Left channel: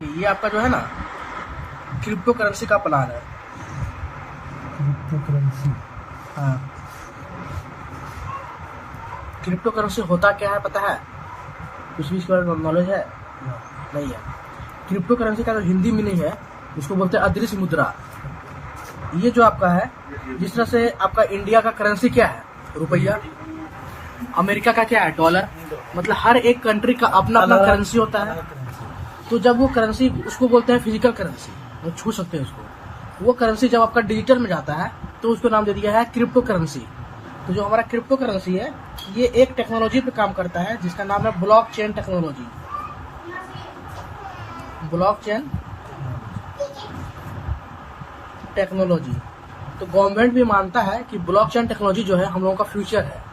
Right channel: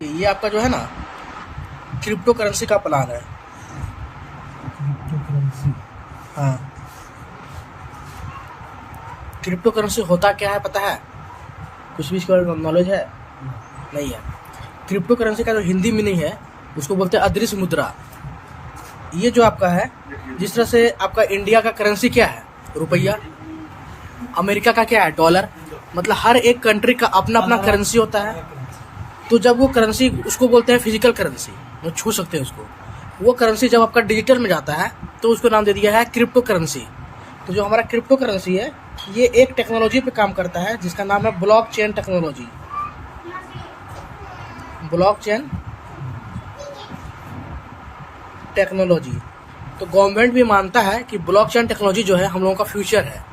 ये आपका जो है ना क्रिप्टो करेंसी का प्लान है। Crypto currency. हाँ, क्रिप्टो करेंसी होता क्या है पता है? कुछ भी इसके बारे में नॉलेज है? नहीं है। क्रिप्टो करेंसी का जो हिंदी मीनिंग है उसको बोलते हैं अदृश्य मुद्रा। ये जो आपका है, जिस तरह से आपका इंडिया का करेंसी क्या है? रुपया। अमेरिका का क्या है? डॉलर। मतलब हर एक कंट्री का अपना अपना करेंसी होता है। तो जब वो करेंसी, उसको बोलते हैं फिजिकल करेंसी, वो छू सकते हैं उसको। वो करेंसी जब आपका डिजिटल में जाता है तो उसको नाम दे दिया है क्रिप्टो करेंसी। तो जो हमारा क्रिप्टो करेंसी है ये एक टेक्नोलॉजी पे काम करता है जिसका नाम है ब्लॉकचेन टेक्नोलॉजी। Blockchain technology. तो गवर्नमेंट भी मानता है कि ब्लॉकचेन टेक्नोलॉजी जो है हम लोगों का फ्यूचर है।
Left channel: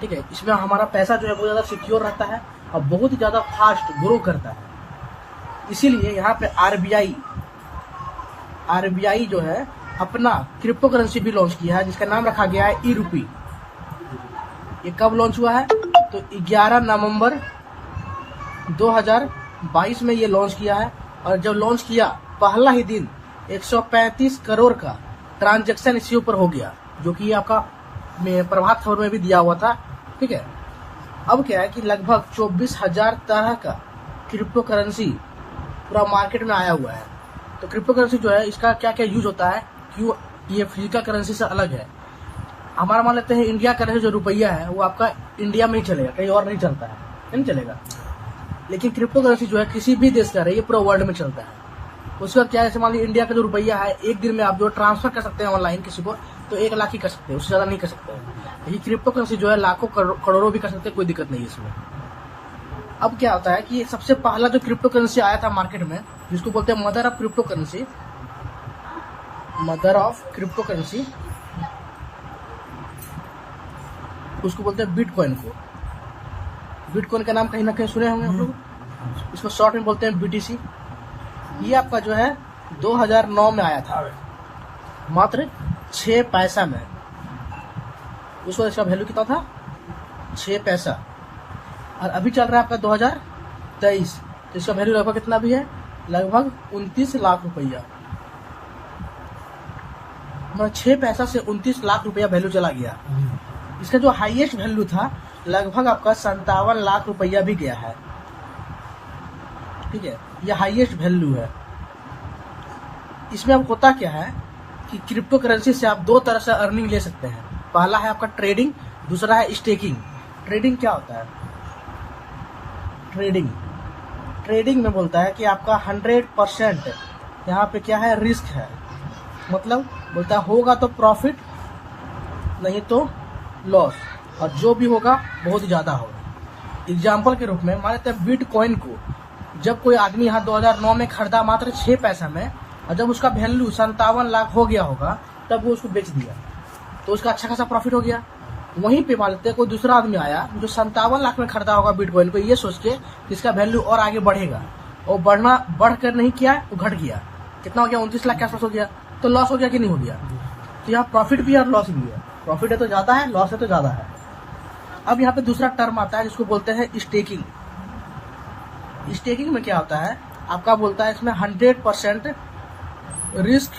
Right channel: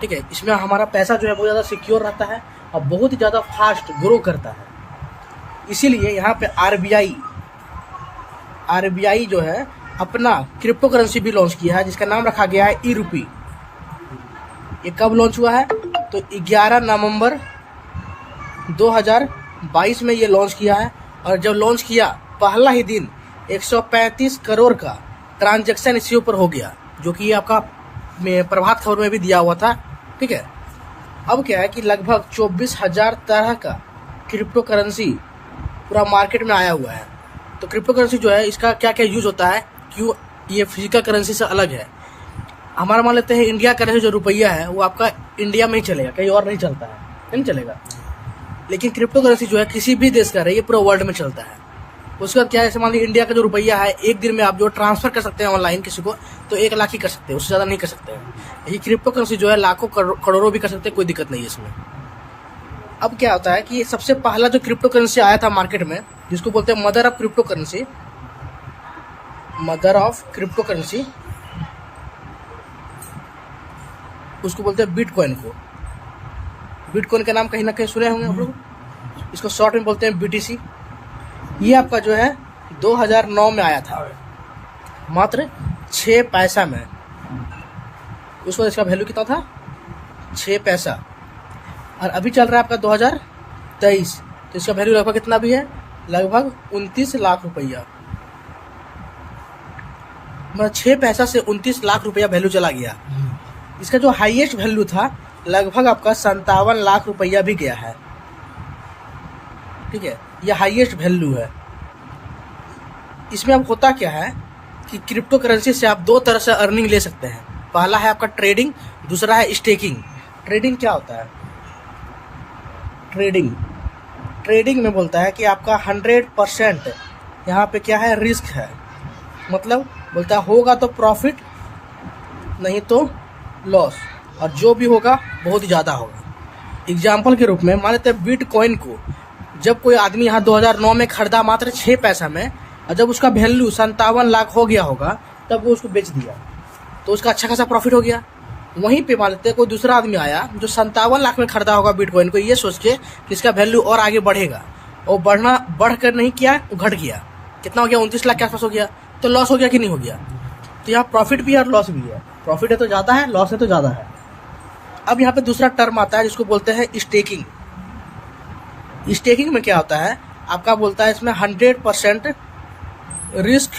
ठीक है, इसमें हमारा पैसा जो है बहुत ज़्यादा सिक्योर रहता है और बहुत ही ज़्यादा फास्ट ग्रो करता है। इसीलिए यहाँ पे आरबीआई जो है अपना क्रिप्टो करेंसी भी लॉन्च किया है जिसका नाम रखा गया है ई रूपी। ये कब लॉन्च हुआ है? तो 11 नवंबर 2022 में ये लॉन्च किया है। और जब लॉन्च किया पहला ही दिन 135 करोड़ का ट्रांजैक्शन इसके ऊपर हो गया, जो कि आपका प्रभात खबर में भी दिया हुआ था। ठीक है, अब क्या है कि लगभग 24,000 तरह का क्रिप्टो करेंसी पूरा मार्केट में आया हुआ है। तो क्रिप्टो करेंसी जो है इसका क्या क्या यूज होता है, क्यों ये फिजिकल करेंसी से अलग है? हमारा मान लेते हैं इंडिया करेंसी जो रुपया है वो आपका इंडिया में ही चलेगा, कहीं और नहीं चलता है, नहीं चलेगा। लेकिन क्रिप्टो करेंसी जो है किसी भी देश का है, ये पूरा वर्ल्ड में चलता है। उसका क्या है, मान लीजिए इंडिया का जो रुपया है एक दिन में आप जो ट्रांसफर कर सकते हैं ऑनलाइन किसी को, तो 1 लाख ही कर सकते हैं, उससे ज़्यादा नहीं कर सकते हैं। यही क्रिप्टो करेंसी जो है लाखों करोड़ों भी कर सकते हैं, कोई दिक्कत नहीं है इसमें। अब क्या होता है कि सबसे पहला जो क्रिप्टो करेंसी आया था मार्केट में, जिसको बोलते हैं mother of crypto currency, mother of crypto currency, उसको बोलते हैं बिटकॉइन को। बिटकॉइन का नाम कहीं ना कहीं सुने होंगे हम लोग। इसको शॉर्ट में बोलते हैं बीटीसी। ये आपका जो है 2009 में आया था, मात्र 6 पैसा में। उस वक्त इसका वैल्यू कितना था? 6 पैसा। और अभी चल रहा है आपका 2023, तो इसका वैल्यू लगभग कितना भी है? लगभग 29 लाख रुपया। मतलब 6 पैसा से 29 लाख रुपया वैल्यू चला गया। इसका जो हाईएस्ट वैल्यू था लगभग आपका 57 लाख रुपया भी गया है। ठीक है, यह हाईएस्ट वैल्यू है। इसमें अब होता क्या है कि क्रिप्टो करेंसी से आप 2 तरह से अर्निंग ले सकते हैं। पहला है आपका ट्रेडिंग, दूसरा है स्टेकिंग। ट्रेडिंग क्या होता है? ट्रेडिंग में बोलता है कि आपका 100% यहाँ पे क्या है, रिस्क है। मतलब बोलता है होगा तो प्रॉफिट, नहीं तो लॉस, और जो भी होगा बहुत ही ज़्यादा होगा। एग्जाम्पल के रूप में मान लेते हैं बिटकॉइन को जब कोई आदमी यहाँ 2009 में खरीदा मात्र 6 पैसा में, और जब उसका वैल्यू 57 लाख हो गया होगा तब वो उसको बेच दिया, तो उसका अच्छा खासा प्रॉफिट हो गया। वहीं पे मान लेते हैं कोई दूसरा आदमी आया जो 57 लाख में खरीदा होगा बिटकॉइन को, ये सोच के कि इसका वैल्यू और आगे बढ़ेगा, और बढ़कर नहीं किया, वो घट गया। कितना हो गया? 29 लाख के आसपास हो गया। तो लॉस हो गया कि नहीं हो गया? तो यहाँ प्रॉफिट भी है और लॉस भी है। प्रॉफिट है तो ज़्यादा है, लॉस है तो ज़्यादा है। अब यहाँ पे दूसरा टर्म आता है जिसको बोलते हैं स्टेकिंग। स्टेकिंग में क्या होता है, आपका बोलता है इसमें 100% रिस्क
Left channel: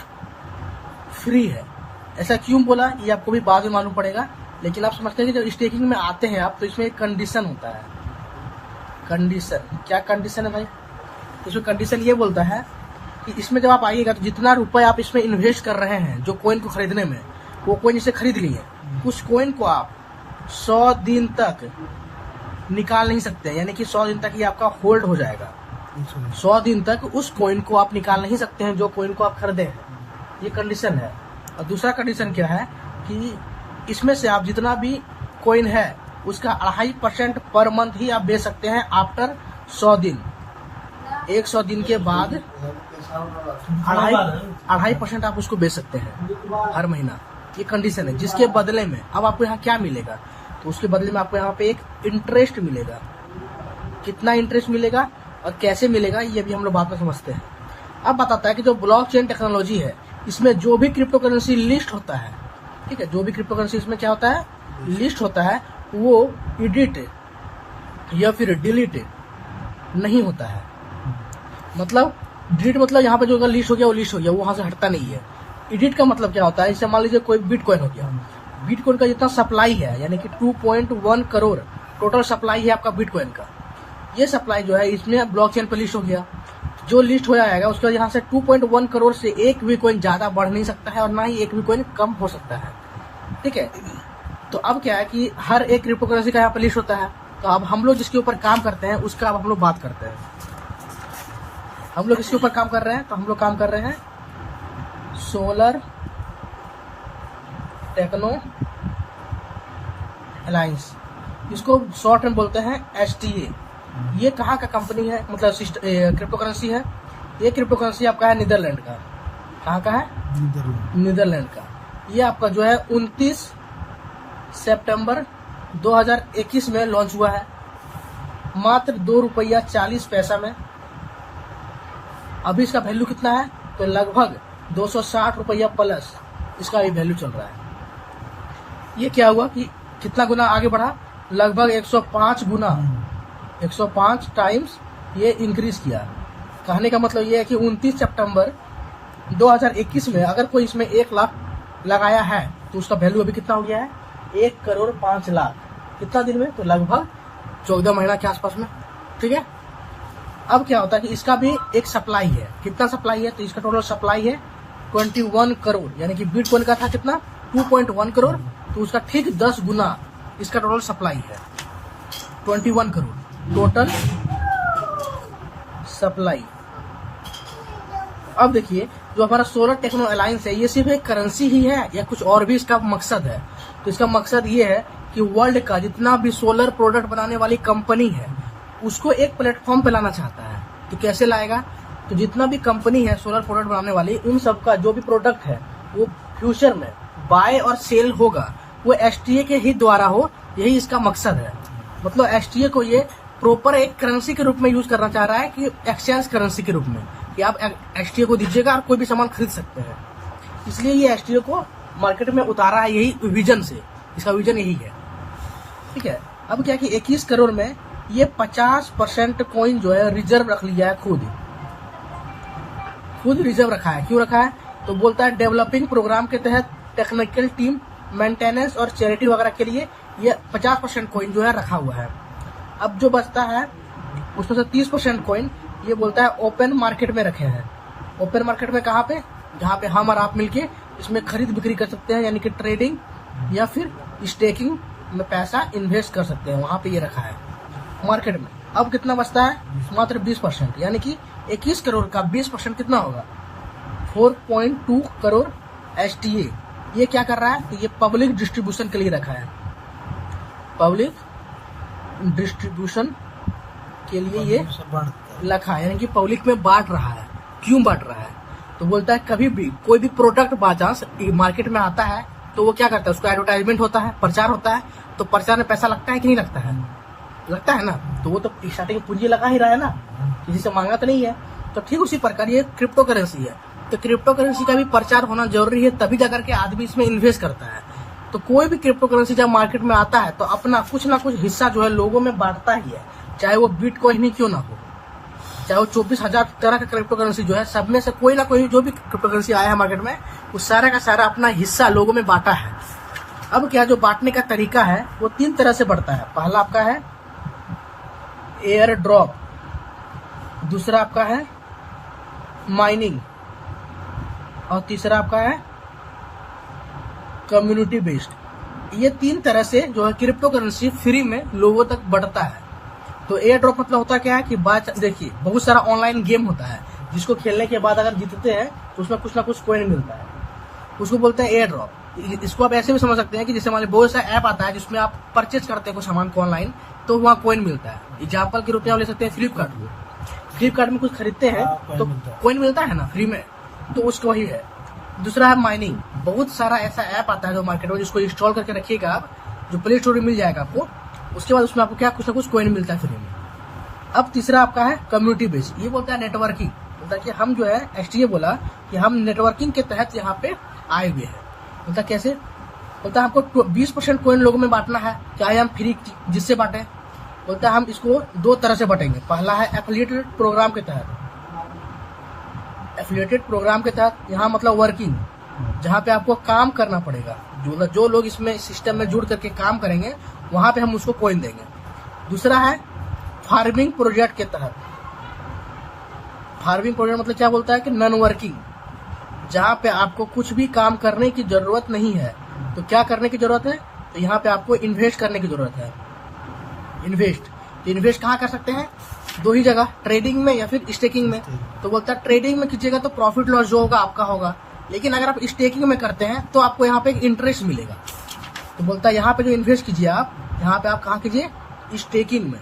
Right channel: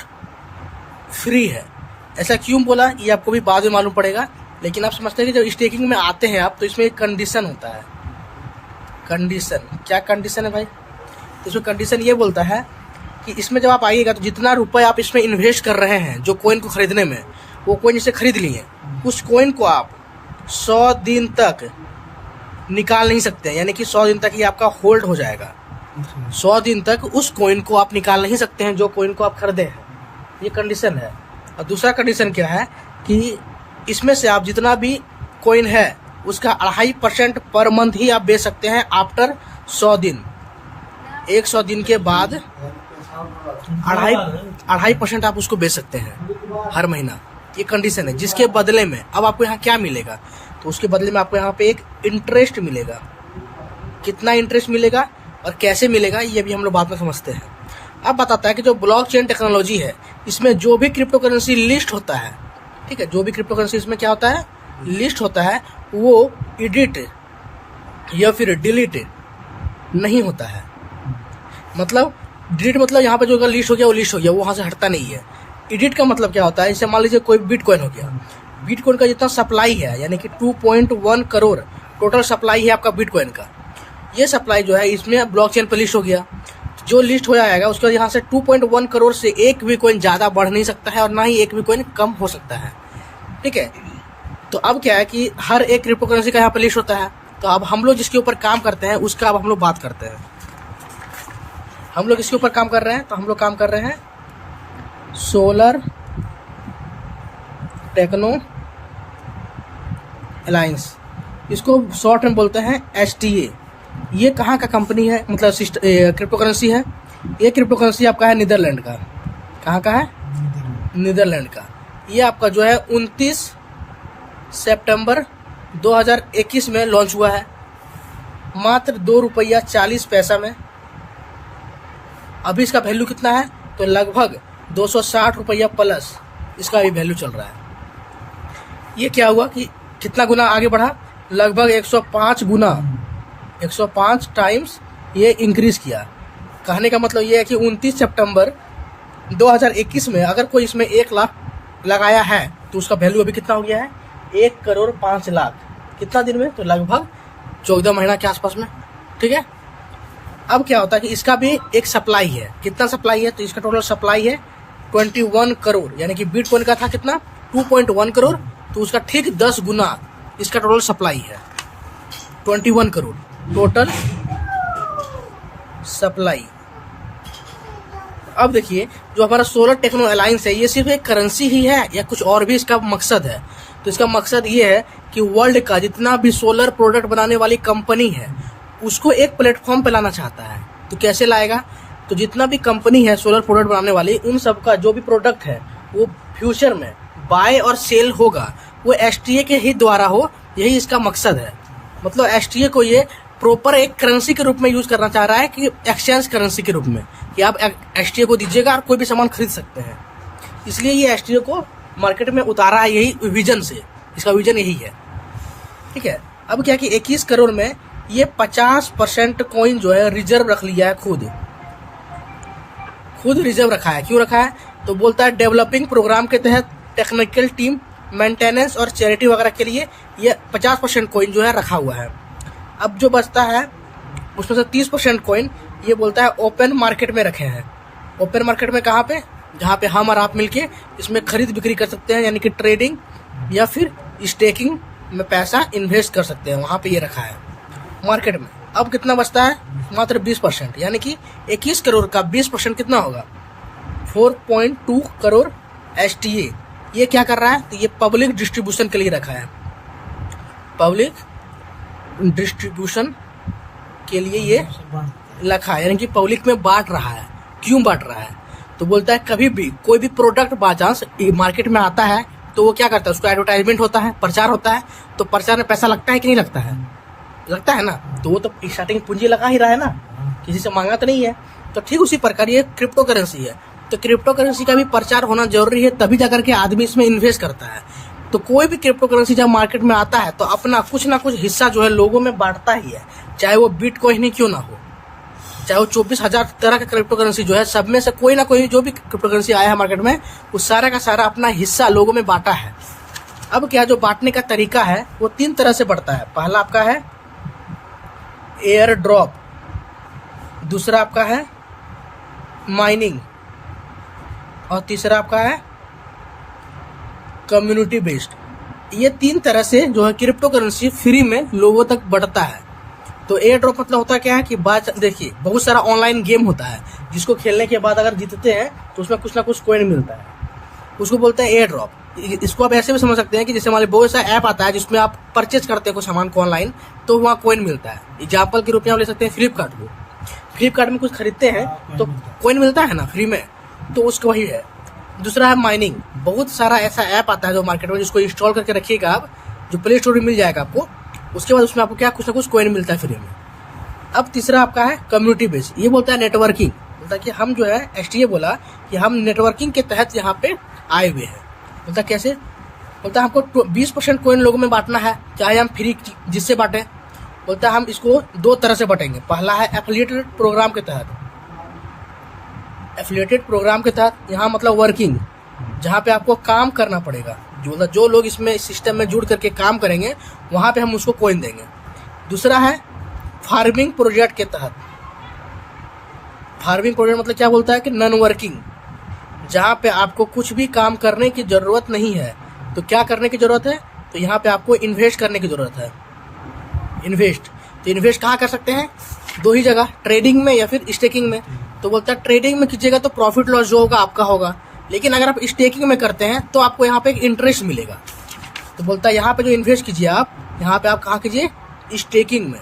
फ्री है। ऐसा क्यों बोला ये आपको भी बाद में मालूम पड़ेगा, लेकिन आप समझते हैं कि जब स्टेकिंग में आते हैं आप, तो इसमें एक कंडीशन होता है। कंडीशन क्या कंडीशन है भाई? इसमें कंडीशन ये बोलता है कि इसमें जब आप आइएगा तो जितना रुपए आप इसमें इन्वेस्ट कर रहे हैं जो कोइन को खरीदने में, वो कोइन जैसे खरीद लिए, उस कोइन को आप 100 दिन तक निकाल नहीं सकते। यानी कि 100 दिन तक ये आपका होल्ड हो जाएगा। 100 दिन तक उस कोइन को आप निकाल नहीं सकते हैं जो कोइन को आप खरीदे हैं। ये कंडीशन है। और दूसरा कंडीशन क्या है कि इसमें से आप जितना भी कोइन है उसका 2.5% पर मंथ ही आप बेच सकते हैं आफ्टर 100 दिन। 100 दिन के बाद 2.5% आप उसको बेच सकते हैं हर महीना। ये कंडीशन है, जिसके बदले में अब आपको यहाँ क्या मिलेगा? तो उसके बदले में आपको यहाँ पे एक इंटरेस्ट मिलेगा। कितना इंटरेस्ट मिलेगा और कैसे मिलेगा ये भी हम लोग बाद में समझते हैं। अब बताता है कि जो ब्लॉकचेन टेक्नोलॉजी है, इसमें जो भी क्रिप्टो करेंसी लिस्ट होता है, ठीक है, जो भी क्रिप्टो करेंसी इसमें क्या होता है, लिस्ट होता है, वो एडिट या फिर डिलीट नहीं होता है। मतलब डिलीट मतलब यहाँ पे जो अगर लिस्ट हो गया वो लिस्ट हो गया, वो वहाँ से हटता नहीं है। एडिट का मतलब क्या होता है, जैसे मान लीजिए कोई बिटकॉइन हो गया, बिटकॉइन का जितना सप्लाई है यानी कि 2.1 करोड़ टोटल सप्लाई है आपका बिटकॉइन का, ये सप्लाई जो है इसमें ब्लॉकचेन पर लिस्ट हो गया। जो लिस्ट हो जाएगा उसका यहाँ से 2.1 करोड़ से एक भी कॉइन ज़्यादा बढ़ नहीं सकता है और ना ही एक भी कॉइन कम हो सकता है, ठीक है। तो अब क्या है कि हर एक क्रिप्टो करेंसी का यहाँ पर लिस्ट होता है। तो अब हम लोग जिसके ऊपर काम करते हैं उसका अब हम लोग बात करते हैं। हम लोग इसके ऊपर काम कर रहे हैं, तो हम लोग काम कर रहे हैं सोलर टेक्नो अलायंस, इसको शॉर्ट में बोलते हैं STA। ये कहाँ का कंपनी है, मतलब क्रिप्टो करेंसी है। ये क्रिप्टो करेंसी आपका है नीदरलैंड का। कहाँ का है? नीदरलैंड का। ये आपका जो है 29 सितंबर 2021 में लॉन्च हुआ है, मात्र ₹2.40 में। अभी इसका वैल्यू कितना है, तो लगभग ₹260 प्लस इसका भी वैल्यू चल रहा है। ये क्या हुआ कि कितना गुना आगे बढ़ा, लगभग 105 गुना, 105 टाइम्स ये इंक्रीज किया। कहने का मतलब ये है कि 29 सितंबर 2021 में अगर कोई इसमें 1 लाख लगाया है तो उसका वैल्यू अभी कितना हो गया है, 1,05,00,000। कितना दिन में, तो लगभग 14 महीना के आसपास में, ठीक है। अब क्या होता है कि इसका भी एक सप्लाई है। कितना सप्लाई है, तो इसका टोटल सप्लाई है 21 करोड़, यानी कि बिटकॉइन का था कितना 2.1 करोड़, तो उसका ठीक 10 गुना इसका टोटल सप्लाई है। 21 करोड़ टोटल सप्लाई। अब देखिए जो हमारा सोलर टेक्नो अलायंस है, ये सिर्फ एक करेंसी ही है या कुछ और भी इसका मकसद है? तो इसका मकसद ये है कि वर्ल्ड का जितना भी सोलर प्रोडक्ट बनाने वाली कंपनी है उसको एक प्लेटफॉर्म पे लाना चाहता है। तो कैसे लाएगा, तो जितना भी कंपनी है सोलर प्रोडक्ट बनाने वाली, उन सबका जो भी प्रोडक्ट है वो फ्यूचर में बाय और सेल होगा वो STA के ही द्वारा हो, यही इसका मकसद है। मतलब STA को ये प्रॉपर एक करेंसी के रूप में यूज करना चाह रहा है, कि एक्सचेंज करेंसी के रूप में, कि आप STA को दीजिएगा और कोई भी सामान खरीद सकते हैं। इसलिए ये STA को मार्केट में उतारा है, यही विजन से, इसका विजन यही है, ठीक है। अब क्या कि 21 करोड़ में ये 50% कॉइन जो है रिजर्व रख लिया है, खुद रिजर्व रखा है। क्यों रखा है, तो बोलता है डेवलपिंग प्रोग्राम के तहत टेक्निकल टीम, मेंटेनेंस और चैरिटी वगैरह के लिए ये 50% कॉइन जो है रखा हुआ है। अब जो बचता है उसमें से 30% कॉइन ये बोलता है ओपन मार्केट में रखे हैं। ओपन मार्केट में कहाँ पे, जहाँ पे हम और आप मिलके इसमें खरीद बिक्री कर सकते हैं, यानी कि ट्रेडिंग या फिर स्टेकिंग में पैसा इन्वेस्ट कर सकते हैं, वहाँ पे ये रखा है मार्केट में। अब कितना बचता है, मात्र 20%, यानी कि 21 करोड़ का 20% कितना होगा, 4.2 करोड़ STA। ये क्या कर रहा है, तो ये पब्लिक डिस्ट्रीब्यूशन के लिए रखा है, पब्लिक डिस्ट्रीब्यूशन के लिए ये रखा है, यानी कि पब्लिक में बांट रहा है। क्यों बांट रहा है, तो बोलता है कभी भी कोई भी प्रोडक्ट बाय चांस मार्केट में आता है तो वो क्या करता है, उसका एडवर्टाइजमेंट होता है, प्रचार होता है, तो प्रचार में पैसा लगता है कि नहीं लगता है, लगता है ना। तो वो तो स्टार्टिंग पूंजी लगा ही रहा है ना, किसी से मांगा तो नहीं है। तो ठीक उसी प्रकार ये क्रिप्टो करेंसी है, तो क्रिप्टो करेंसी का भी प्रचार होना जरूरी है, तभी जाकर के आदमी इसमें इन्वेस्ट करता है। तो कोई भी क्रिप्टो करेंसी जब मार्केट में आता है तो अपना कुछ ना कुछ हिस्सा जो है लोगों में बांटता ही है, चाहे वो बिटकॉइन ही क्यों ना हो, चाहे वो 24,000 तरह का क्रिप्टो करेंसी जो है, सब में से कोई ना कोई जो भी क्रिप्टो करेंसी आया है मार्केट में, उस सारा का सारा अपना हिस्सा लोगों में बांटा है। अब क्या, जो बांटने का तरीका है वो 3 तरह से बढ़ता है। पहला आपका है एयर ड्रॉप, दूसरा आपका है माइनिंग, और तीसरा आपका है कम्युनिटी बेस्ड। ये 3 तरह से जो है क्रिप्टो करेंसी फ्री में लोगों तक बढ़ता है। तो एयर ड्रॉप मतलब होता क्या है कि देखिए बहुत सारा ऑनलाइन गेम होता है जिसको खेलने के बाद अगर जीतते हैं तो उसमें कुछ ना कुछ कॉइन मिलता है, उसको बोलते हैं एयर ड्रॉप। इसको आप ऐसे भी समझ सकते हैं कि जैसे हमारे बहुत सा ऐप आता है जिसमें आप परचेज करते हैं कुछ सामान को ऑनलाइन, तो वहाँ कॉइन मिलता है। एग्जाम्पल के रूप में आप ले सकते हैं फ्लिपकार्ट को, फ्लिपकार्ट में कुछ खरीदते हैं तो कॉइन मिलता है ना फ्री में, तो उसका वही है। दूसरा है माइनिंग, बहुत सारा ऐसा ऐप आता है जो मार्केट में, जिसको इंस्टॉल करके रखिएगा आप, जो प्ले स्टोर में मिल जाएगा आपको, उसके बाद उसमें आपको क्या कुछ ना कुछ कॉइन मिलता है फ्री में। अब तीसरा आपका है कम्युनिटी बेस, ये बोलता है नेटवर्किंग, बोलता है कि हम जो है STA बोला कि हम नेटवर्किंग के तहत यहाँ पे आए हुए हैं। बोलता कैसे, बोलता हमको 20% कॉइन लोगों में बांटना है, चाहे हम फ्री जिससे बांटें। बोलता हम इसको 2 तरह से बांटेंगे। पहला है एफिलिएटेड प्रोग्राम के तहत, एफिलिएटेड प्रोग्राम के तहत यहाँ मतलब वर्किंग, जहाँ पे आपको काम करना पड़ेगा, जो लोग इसमें सिस्टम में जुड़ करके काम करेंगे वहाँ पे हम उसको कॉइन देंगे। दूसरा है फार्मिंग प्रोजेक्ट के तहत। फार्मिंग प्रोजेक्ट मतलब क्या बोलता है कि नॉन वर्किंग, जहाँ पे आपको कुछ भी काम करने की जरूरत नहीं है। तो क्या करने की जरूरत है, तो यहाँ पे आपको इन्वेस्ट करने की जरूरत है। इन्वेस्ट, तो इन्वेस्ट कहाँ कर सकते हैं, दो ही जगह, ट्रेडिंग में या फिर स्टेकिंग में। तो बोलता है ट्रेडिंग में कीजिएगा तो प्रॉफिट लॉस जो होगा आपका होगा, लेकिन अगर आप स्टेकिंग में करते हैं तो आपको यहाँ पे एक इंटरेस्ट मिलेगा। तो बोलता है यहाँ पे जो इन्वेस्ट कीजिए आप, यहाँ पे आप कहाँ कीजिए, स्टेकिंग में।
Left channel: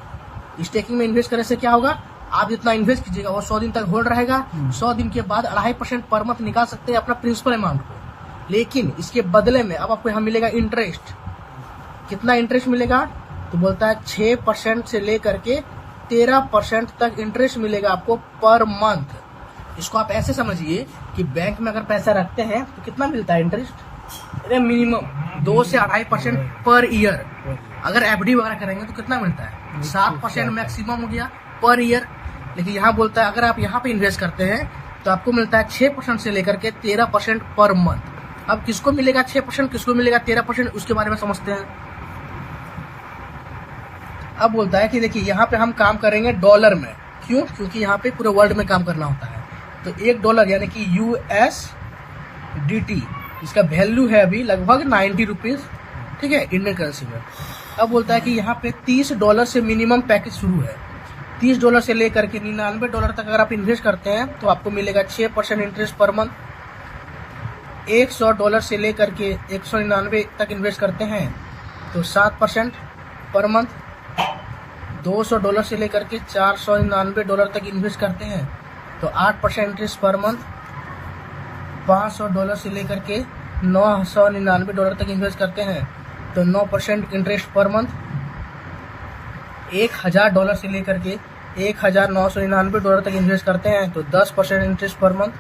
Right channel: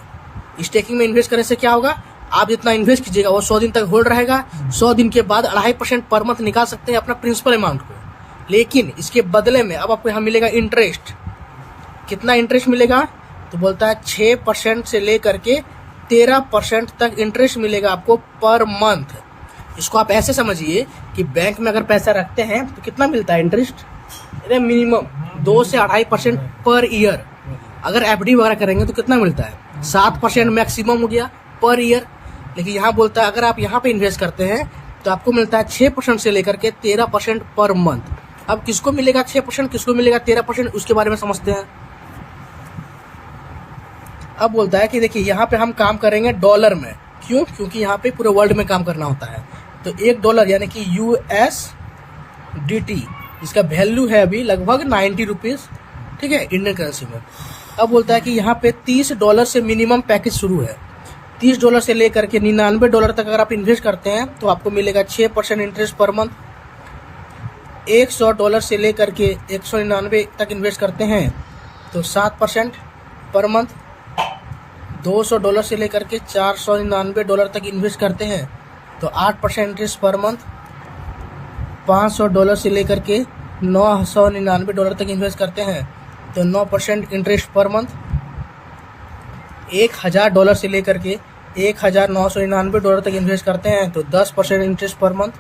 स्टेकिंग में इन्वेस्ट करने से क्या होगा, आप जितना इन्वेस्ट कीजिएगा वो 100 दिन तक होल्ड रहेगा। 100 दिन के बाद 2.5% पर मंथ निकाल सकते हैं अपना प्रिंसिपल अमाउंट को, लेकिन इसके बदले में अब आपको यहाँ मिलेगा इंटरेस्ट। कितना इंटरेस्ट मिलेगा, तो बोलता है 6% से लेकर के 13% तक इंटरेस्ट मिलेगा आपको पर मंथ। इसको आप ऐसे समझिए कि बैंक में अगर पैसा रखते हैं तो कितना मिलता है इंटरेस्ट, मिनिमम 2 से 2.5% पर ईयर। अगर एफडी वगैरह करेंगे तो कितना मिलता है, 7% मैक्सिमम हो गया पर ईयर। लेकिन यहाँ बोलता है अगर आप यहाँ पे इन्वेस्ट करते हैं तो आपको मिलता है 6% से लेकर के 13% पर मंथ। अब किसको मिलेगा 6%, किसको मिलेगा 13%, उसके बारे में समझते हैं। अब बोलता है कि देखिए यहाँ पे हम काम करेंगे डॉलर में, क्यों, क्योंकि यहाँ पे पूरे वर्ल्ड में काम करना होता है। तो $1 यानी कि USDT, इसका वैल्यू है अभी लगभग 90 रुपीज़, ठीक है, इंडियन करेंसी में। अब बोलता है कि यहाँ पे $30 से मिनिमम पैकेज शुरू है। $30 से लेकर के $99 तक अगर आप इन्वेस्ट करते हैं तो आपको मिलेगा 6% इंटरेस्ट पर मंथ। $100 से लेकर के 199 तक इन्वेस्ट करते हैं तो 7% पर मंथ। $200 से लेकर के $499 तक इन्वेस्ट करते हैं तो 8% इंटरेस्ट पर मंथ। $500 से लेकर के $999 तक इन्वेस्ट करते हैं तो 9% इंटरेस्ट पर मंथ। $1000 से लेकर के $1999 तक इन्वेस्ट करते हैं तो 10% इंटरेस्ट पर मंथ।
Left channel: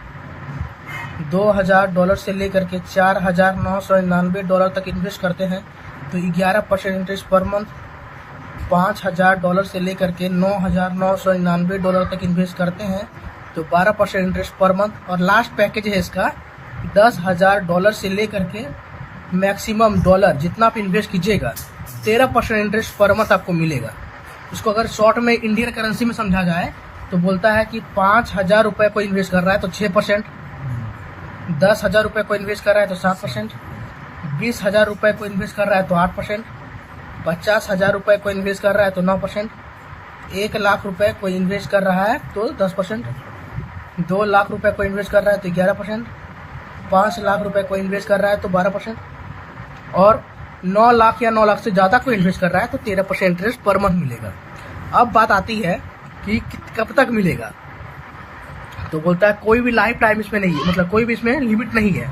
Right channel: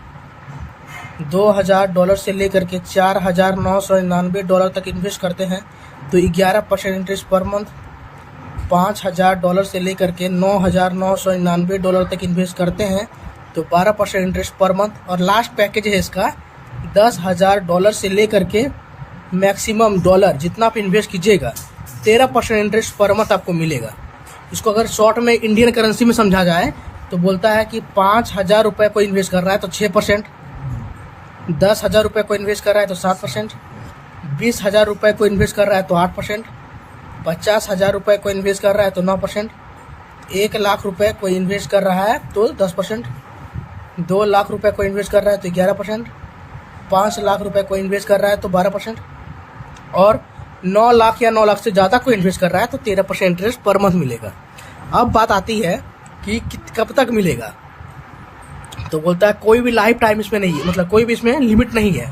$2000 से लेकर के $4999 तक इन्वेस्ट करते हैं तो 11% इंटरेस्ट पर मंथ। $5000 से लेकर के $9999 तक इन्वेस्ट करते हैं तो 12% इंटरेस्ट पर मंथ। और लास्ट पैकेज है इसका $10,000 से लेकर के मैक्सिमम डॉलर जितना आप इन्वेस्ट कीजिएगा 13% इंटरेस्ट पर मंथ आपको मिलेगा। इसको अगर शॉर्ट में इंडियन करेंसी में समझा जाए तो बोलता है कि 5,000 रुपये को इन्वेस्ट कर रहा है तो 6%, 10,000 रुपये को इन्वेस्ट कर रहा है तो 7%, 20,000 रुपये को इन्वेस्ट कर रहा है तो 8%, 50,000 रुपये को इन्वेस्ट कर रहा है तो 9%, 1 लाख रुपये को इन्वेस्ट कर रहा है तो 10%, 2 लाख रुपये को इन्वेस्ट कर रहा है तो 11%, 5 लाख रुपये को इन्वेस्ट कर रहा है तो 12%, और 9 लाख या 9 लाख से ज़्यादा को इन्वेस्ट कर रहा है तो 13% इंटरेस्ट पर मंथ मिलेगा। अब बात आती है कि कब तक मिलेगा, तो बोलता है कोई भी लाइफ टाइम इसमें नहीं है, मतलब कोई भी इसमें लिमिट नहीं है।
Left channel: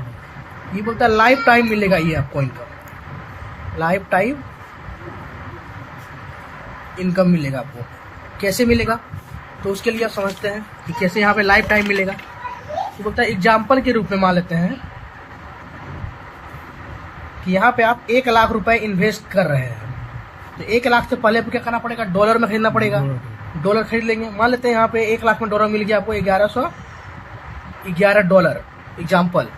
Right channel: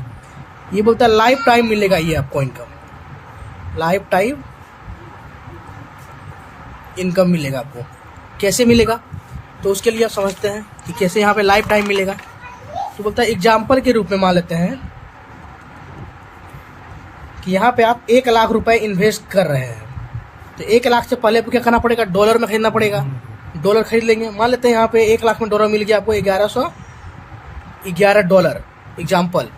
ये बोलता है लाइफ टाइम मिलेगा ये आपको इनकम, लाइफ टाइम इनकम मिलेगा आपको। कैसे मिलेगा, तो उसके लिए आप समझते हैं कि कैसे यहाँ पे लाइफ टाइम मिलेगा। तो बोलता है एग्जाम्पल के रूप में मान लेते हैं कि यहाँ पे आप 1 लाख रुपए इन्वेस्ट कर रहे हैं, तो 1 लाख से पहले आपको क्या करना पड़ेगा, डॉलर में खरीदना पड़ेगा। डॉलर खरीद लेंगे, मान लेते हैं यहाँ पे 1 लाख में डॉलर मिल गया आपको $1111 एग्जाम्पल।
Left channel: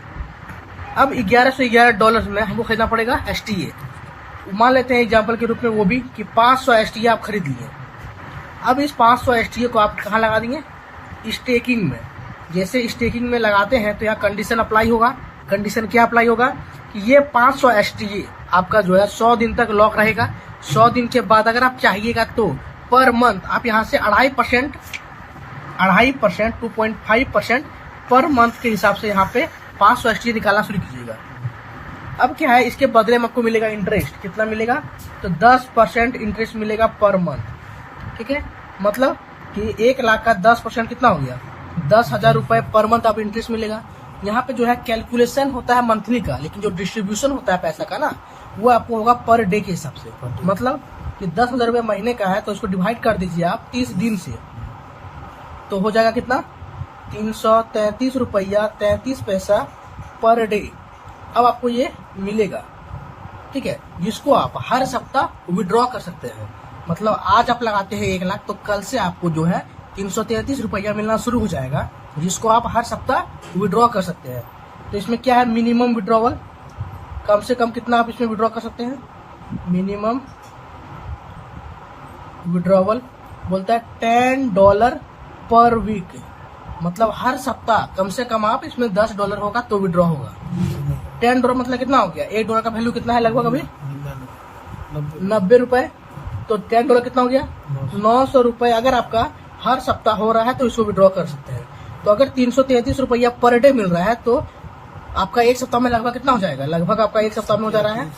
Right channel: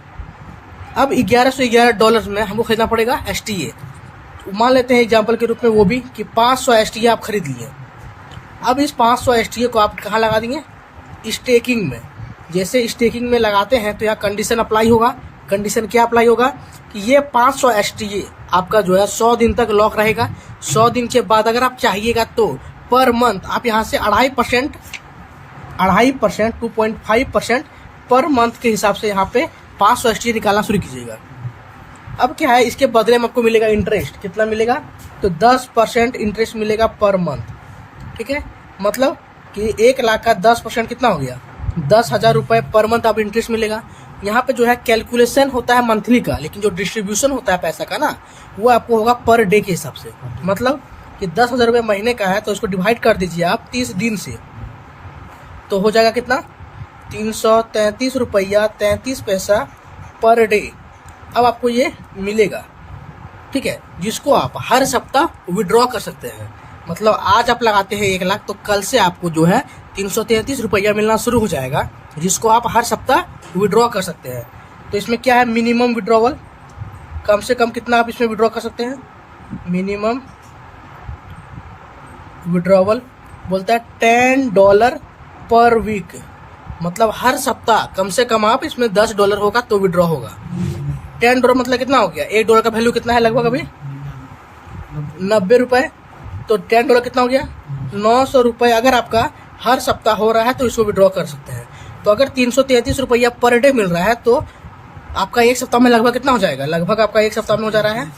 अब $1111 में हमको खरीदना पड़ेगा STA। मान लेते हैं एग्जाम्पल के रूप में वो भी कि 500 STA आप खरीद लिए। अब इस 500 STA को आप कहाँ लगा देंगे, स्टेकिंग में। जैसे स्टेकिंग में लगाते हैं तो यहाँ कंडीशन अप्लाई होगा। कंडीशन क्या अप्लाई होगा कि ये 500 STA आपका जो है 100 दिन तक लॉक रहेगा। 100 दिन के बाद अगर आप चाहिएगा तो पर मंथ आप यहाँ से 2.5%, 2.5% पर मंथ के हिसाब से यहाँ पे 500 STA निकालना शुरू कीजिएगा। अब क्या है, इसके बदले में आपको मिलेगा इंटरेस्ट। कितना मिलेगा, तो 10% इंटरेस्ट मिलेगा पर मंथ, ठीक है। मतलब कि 1 लाख का 10% कितना हो गया, 10,000 रुपये पर मंथ आप इंटरेस्ट मिलेगा। यहाँ पे जो है कैलकुलेशन होता है मंथली का, लेकिन जो डिस्ट्रीब्यूशन होता है पैसा का ना, वो आपको होगा पर डे के हिसाब से। मतलब कि 10,000 रुपये महीने का है तो उसको डिवाइड कर दीजिए आप 30 दिन से, तो हो जाएगा कितना, 333 रुपया 33 पैसा पर डे। अब आपको ये मिलेगा, ठीक है, जिसको आप हर सप्ताह विड्रॉ कर सकते हैं। मतलब आज आप लगाते हैं 1 लाख तो कल से आपको जो है 333 रुपया मिलना शुरू हो जाएगा। जिसको आप हर सप्ताह विड्रॉ कर सकते हैं। तो इसमें क्या है, मिनिमम विड्रॉवल, कम से कम कितना आप इसमें विड्रॉ कर सकते हैं। मिनिमम विड्रॉवल बोलता है $10 पर वीक, मतलब हर सप्ताह कम से कम आप इसमें $10 होगा तो विड्रॉ होगा। $10 मतलब कितना हो गया, $1 का वैल्यू कितना है लगभग अभी 90 रुपए, तो $10 कितना हो गया 900 रुपए। अगर आपका हर सप्ताह हो रहा है तो इसको विड्रॉ कर सकते हैं। तो अगर 333 रुपया पर डे मिल रहा है तो आपका एक सप्ताह में लगभग कितना हो जाएगा, लगभग आपका एक सप्ताह में हो जा रहा है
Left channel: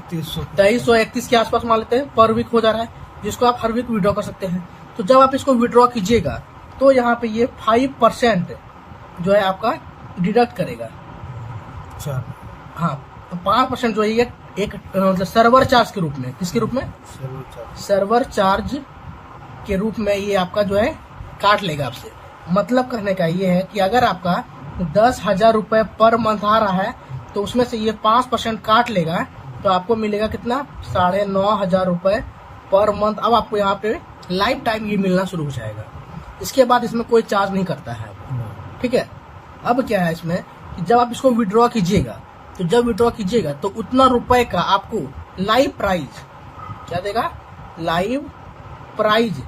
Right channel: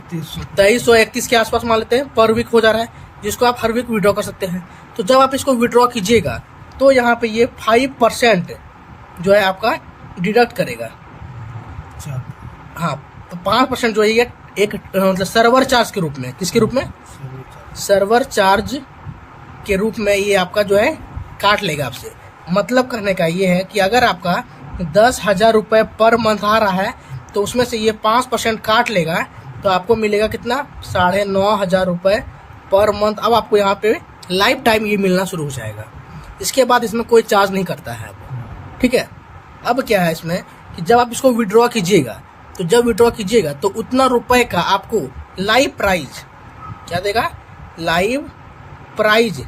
2331 के आसपास मान लेते हैं पर वीक हो जा रहा है, जिसको आप हर वीक विड्रॉ कर सकते हैं। तो जब आप इसको विड्रॉ कीजिएगा तो यहाँ पे ये 5% जो है आपका डिडक्ट करेगा। हाँ, तो 5% जो है ये एक मतलब सर्वर चार्ज के रूप में, किसके रूप में, सर्वर चार्ज के रूप में ये आपका जो है काट लेगा आपसे। मतलब कहने का ये है कि अगर आपका 10,000 रुपये पर मंथ आ रहा है तो उसमें से ये 5% काट लेगा, तो आपको मिलेगा कितना 9,500 रुपये पर मंथ। अब आपको यहाँ पे लाइफ टाइम ये मिलना शुरू हो जाएगा। इसके बाद इसमें कोई चार्ज नहीं करता है, ठीक है। अब क्या है इसमें कि जब आप इसको विड्रॉ कीजिएगा, तो जब विड्रॉ कीजिएगा तो उतना रुपए का आपको लाइव प्राइज क्या देगा, लाइव प्राइज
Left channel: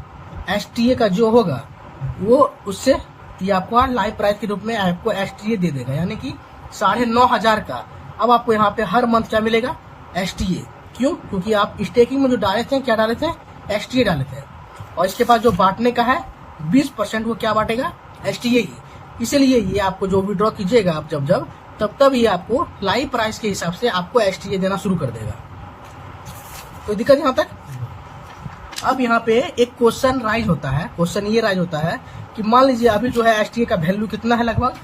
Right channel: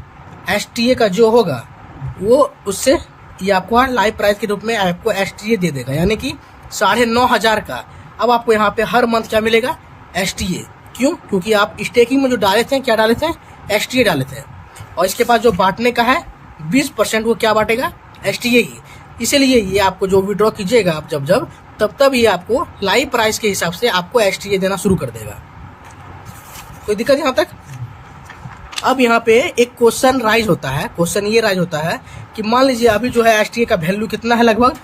STA का जो होगा वो उससे ये आपको लाइव प्राइस के रूप में आपको STA दे देगा, यानी कि 9,500 का। अब आपको यहाँ पे हर मंथ क्या मिलेगा, STA। क्यों, क्योंकि आप स्टेकिंग में जो डाले थे, क्या डाले थे, STA डाले थे। और इसके बाद जो बांटने का है 20% वो क्या बांटेगा, STA ही। इसीलिए ये आपको जो विड्रॉ कीजिएगा आप जब तब ये आपको लाइव प्राइस के हिसाब से आपको STA देना शुरू कर देगा। कोई दिक्कत यहाँ तक। अब यहाँ पे एक क्वेश्चन राइज होता है, क्वेश्चन ये राइज होता है कि मान लीजिए अभी जो है STA का वैल्यू कितना है, लगभग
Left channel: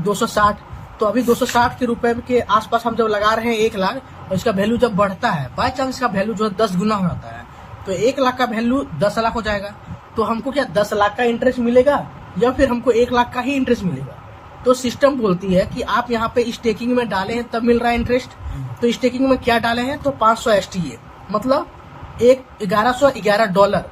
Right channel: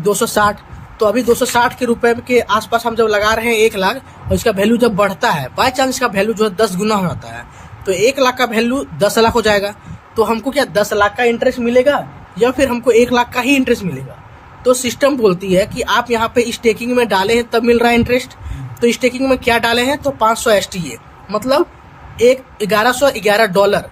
260। तो अभी 260 के रुपए के आसपास हम जब लगा रहे हैं 1 लाख, और इसका वैल्यू जब बढ़ता है, बाय चांस इसका वैल्यू जो है 10 गुना हो जाता है, तो 1 लाख का वैल्यू 10 लाख हो जाएगा। तो हमको क्या 10 लाख का इंटरेस्ट मिलेगा या फिर हमको 1 लाख का ही इंटरेस्ट मिलेगा। तो सिस्टम बोलती है कि आप यहाँ पे स्टेकिंग में डाले हैं तब मिल रहा है इंटरेस्ट। तो स्टेकिंग में क्या डाले हैं, तो 500 STA, मतलब $1111।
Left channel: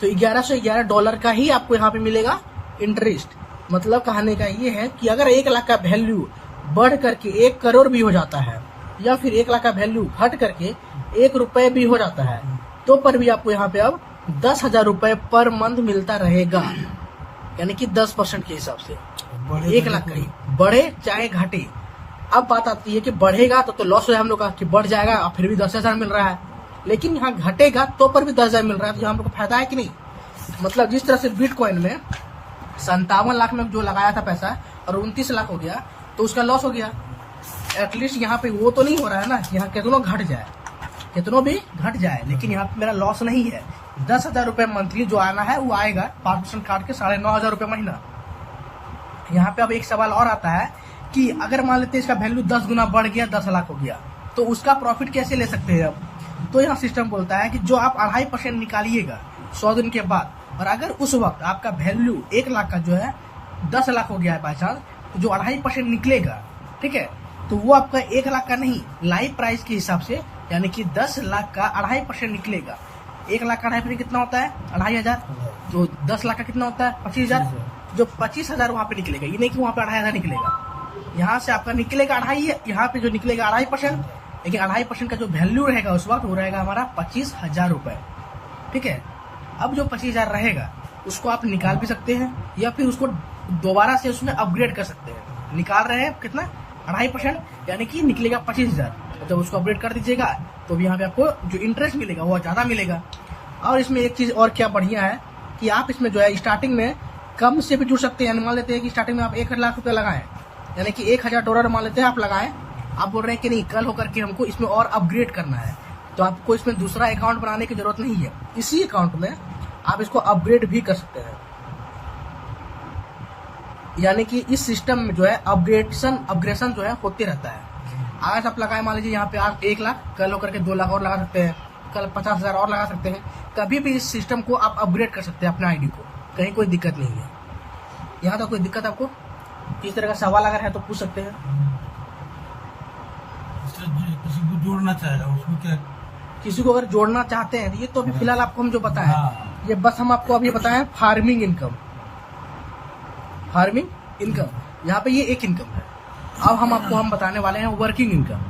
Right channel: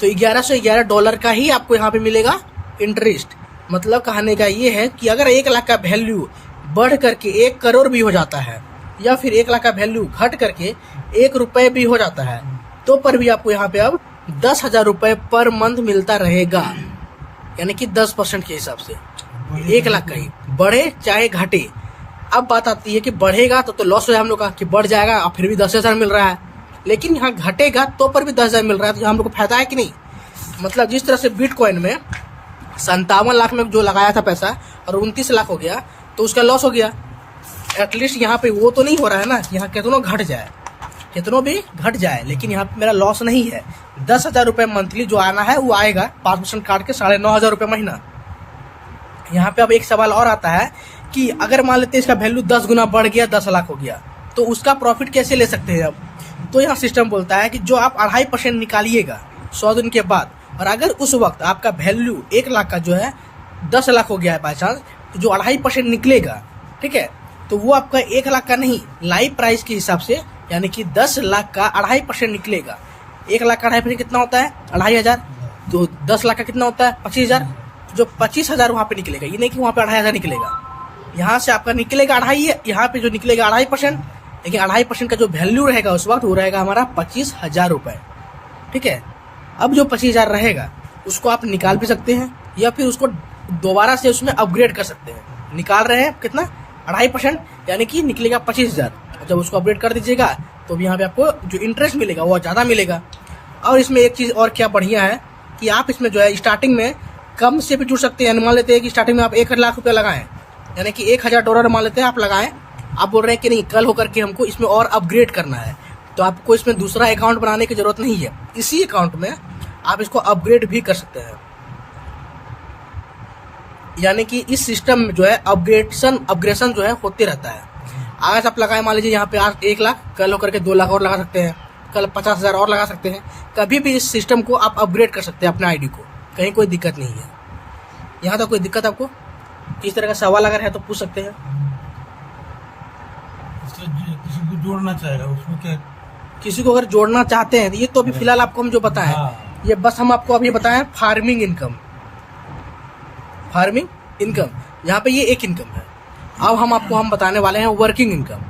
तो $1111 का ही आपको यहाँ पे मिलेगा इंटरेस्ट। मतलब कहने का ये है कि अगर 1 लाख का वैल्यू बढ़ करके 1 करोड़ भी हो जाता है, या फिर 1 लाख का वैल्यू घट करके 1 रुपए भी हो जाता है, तो पर भी आपको यहाँ पे अब 10,000 रुपए पर मंथ मिलता रहेगा, यानी कि 10% के हिसाब से 1 लाख का ही, बढ़े चाहे घटे। अब बात आती है कि बढ़ेगा तो लॉस हो जाए हम लोग का, कि बढ़ जाएगा और फिर भी 10,000 मिल रहा है, लेकिन यहाँ घटेगा तो पर भी 10,000 मिल रहा है, तो हम लोग को फायदा है कि नहीं। मतलब जिस तरह से बिटकॉइन में 57 लाख में जो लगाया था पैसा और 29 लाख हो गया, तो उसका लॉस हो गया। एटलीस्ट यहाँ पे वो तो नहीं हो रहा है ना, यहाँ कितनों घट जाए, कितनों भी घट जाए, लेकिन यहाँ पे मेरा लॉस नहीं है। 10,000 रुपये मंथली जो आना है वो आएगा, 5% काट के 9,500 रुपये महीना। यहाँ पे अब एक सवाल और आता है कि अगर मान लेते हैं इसका वैल्यू 10 गुना बढ़ गया, 10 लाख हो गया, तो उसका प्रॉफिट कैसे ले सकते हैं अब। तो यहाँ सिस्टम बोलता है कि जो आप 2.5% निकालिएगा 100 दिन के बाद, और अगर उस वक्त आपका वैल्यू 1 लाख का जो है 10 लाख हो गया है बाई चांस, तो जो 2.5% निकलेगा, ठीक है, तो वो आपका 1 लाख का नहीं, लाइव प्राइस के हिसाब से, यानी कि 10 लाख का 2.5% निकलेगा। 1 लाख का 2.5% कितना होता है, 2,500। तो 10 लाख का कितना होता है, 25,000। जो 25,000 वहाँ पे निकलेगा, ये नहीं कि वहाँ पे 2,500 निकलेगा। यहाँ से आपका निकलेगा 2.5, यहाँ पे जो निकलेगा 2.5%, लेकिन 2.5% का जो वैल्यू रहेगा उस वक्त वो रहेगा हमारा 25,000 रुपये, ठीक है। अब जो 25,000 रहेगा उसको आप निकाल भी सकते हैं, या फिर उसको दोबारा से उसमें अपग्रेड कर सकते हैं। निकाल रहे हैं कितना, 2.5%, यानी कि निकलेगा 25,000। जब उसको अपग्रेड कर दीजिएगा तो यहाँ पे आपको जो इंटरेस्ट मिलेगा वो ज़्यादा मिलेगा। और इसमें एक चीज़ और क्या बढ़िया है कि आप इसमें जो है स्टार्टिंग में कम से भी जुड़ सकते हैं। मान लेते हैं कि स्टार्टिंग में आप 1 लाख रुपये लगाएं, यानी कि $1,000 मान लेते हैं आप लगाएं। आप बोल रहे हैं कि नहीं, कल होकर के हमको इसमें और अपग्रेड करना है, तो आपको इसमें दूसरा अकाउंट बनाने की जरूरत नहीं है। इसी अकाउंट में आप इसको अपग्रेड भी कर सकते हैं। यानी कि इस सिस्टम में जो है अपग्रेशन जो है होते रहता है। आज आप लगाए, मान लीजिए यहाँ पे आज 1 लाख, कल होकर के 2 लाख और लगा सकते हैं, कल 50,000 और लगा सकते हैं। कभी भी इस सिस्टम को आप अपग्रेड कर सकते हैं अपने आईडी को, कहीं कोई दिक्कत नहीं है। यहाँ तक कोई दिक्कत आपको इस तरह का सवाल अगर है तो पूछ सकते हैं। किसी को जोड़ना चाहेगा उसमें क्या, किसी को अगर जोड़ना चाहते हैं, ये तो अभी फिलहाल आपको हम जो बताएं, ये बस हम आपको अभी बताएं फार्मिंग इनकम। फार्मिंग इनकम, यहाँ पे ये एक इनकम है। अब हम बताने वाले हैं वर्किंग इनकम।